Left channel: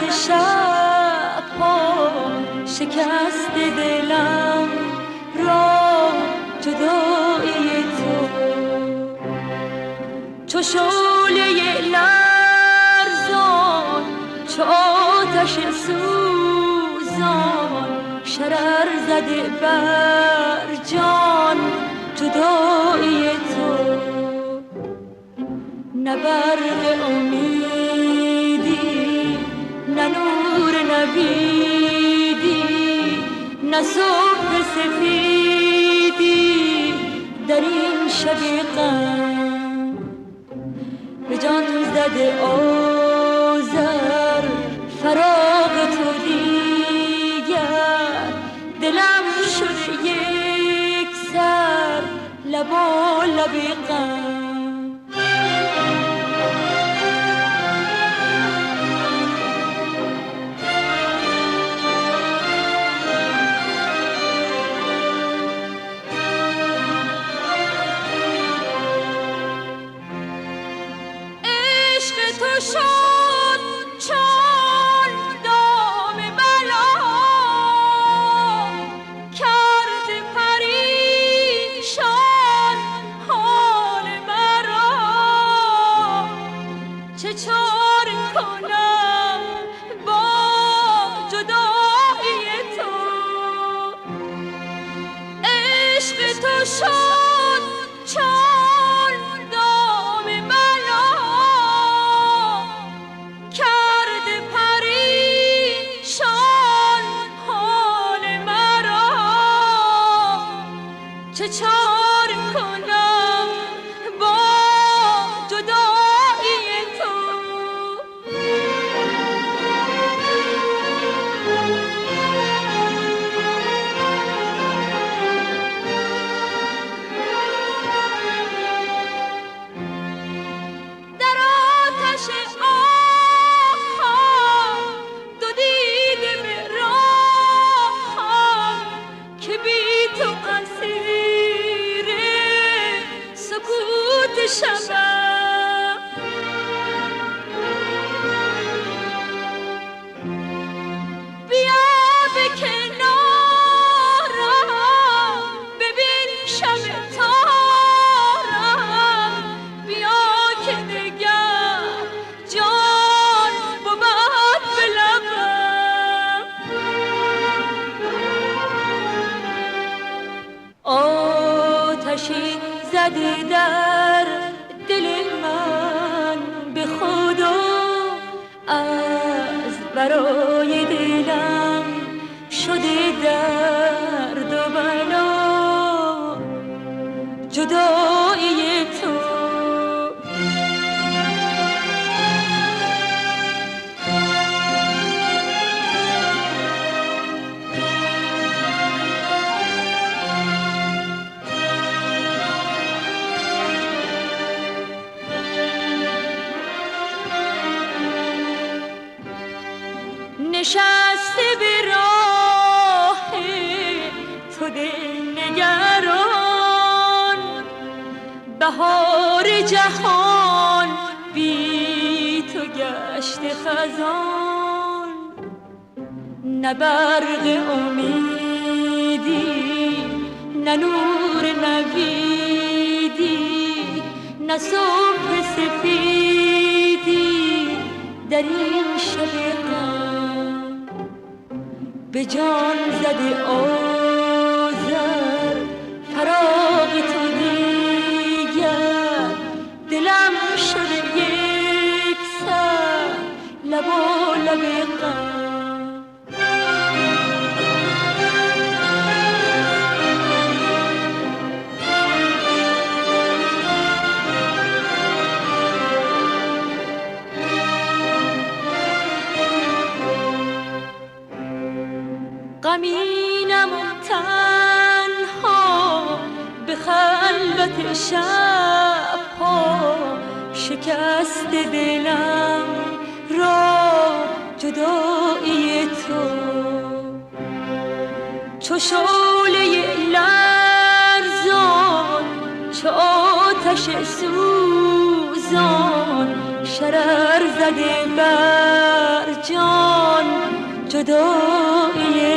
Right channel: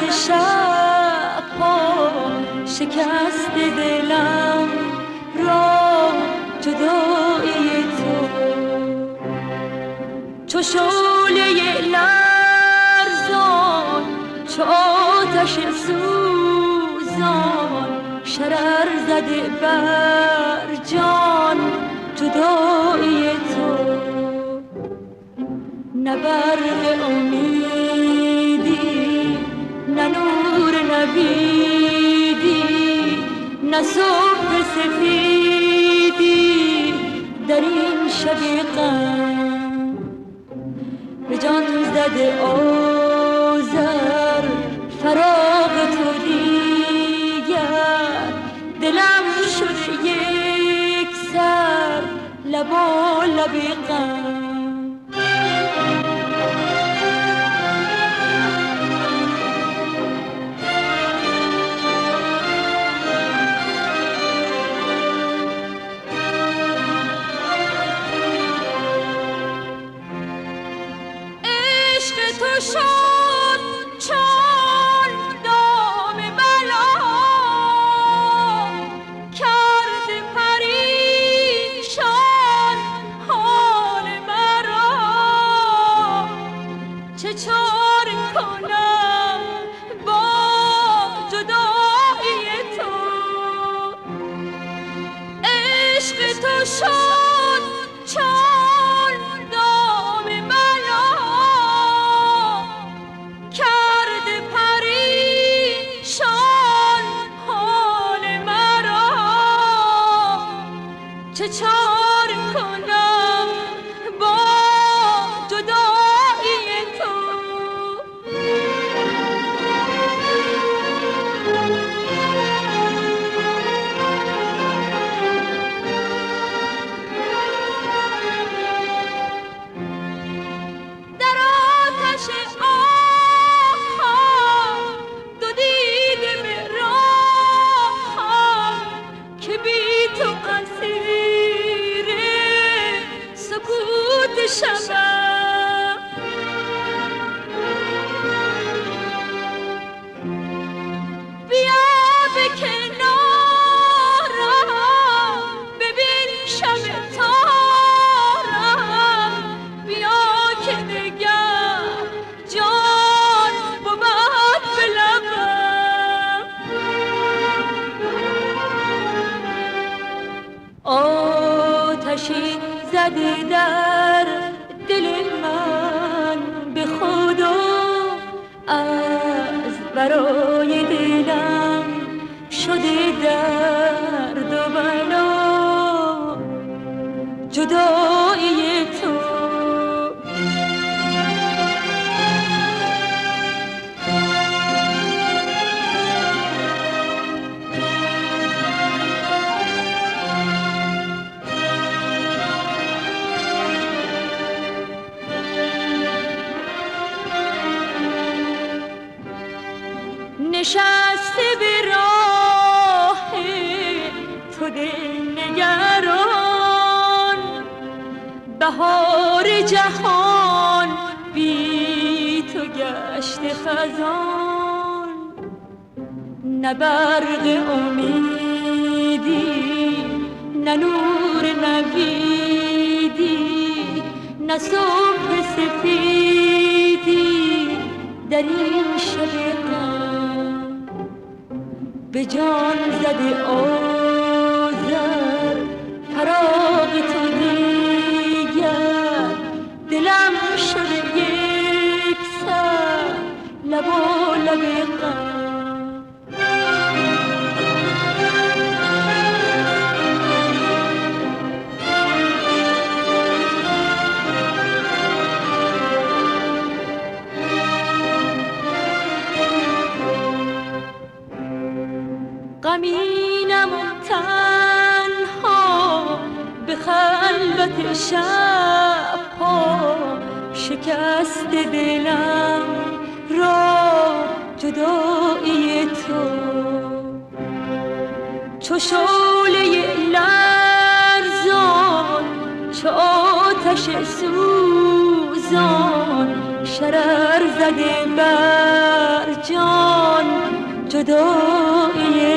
خلوت شب ها شکست دلم را جدایی تو چو شعله لرزان چو آتش سوزان شرر زده بر جان جدایی تو نه برق امیدی نه نور نویدی نه صبح سفیدی در این شب غم به جان زده آذر فراق تو دیگر دلم شد یک سر لبالب غم تو شد چون دام بلا کرد پریشان حال مرا چه چاره کنم با جدایی تو عشق تو شد چون دام بلا کرد پریشان حال مرا چه چاره کنم با جدایی تو در آتش شبم بیا به کنارم ببین شب تارم بیا که دگر جان بود به لبم آتشی زدی در دل من به خدا از برای دلم شدی درد و بلا جدایی تو نشسته به راه تو دلنگران بهار جهان بی تو گشت خزان نه برق امیدی نه نور نویدی نه صبح سفیدی در این شب غم به جان زدی آذر فراق تو دیگر دلم شد یک سر لبالب غم غمینم تنها به خلوت شب ها شکست دلم را جدایی تو چو شعله لرزان چو آتش سوزان شرر زده بر جان جدای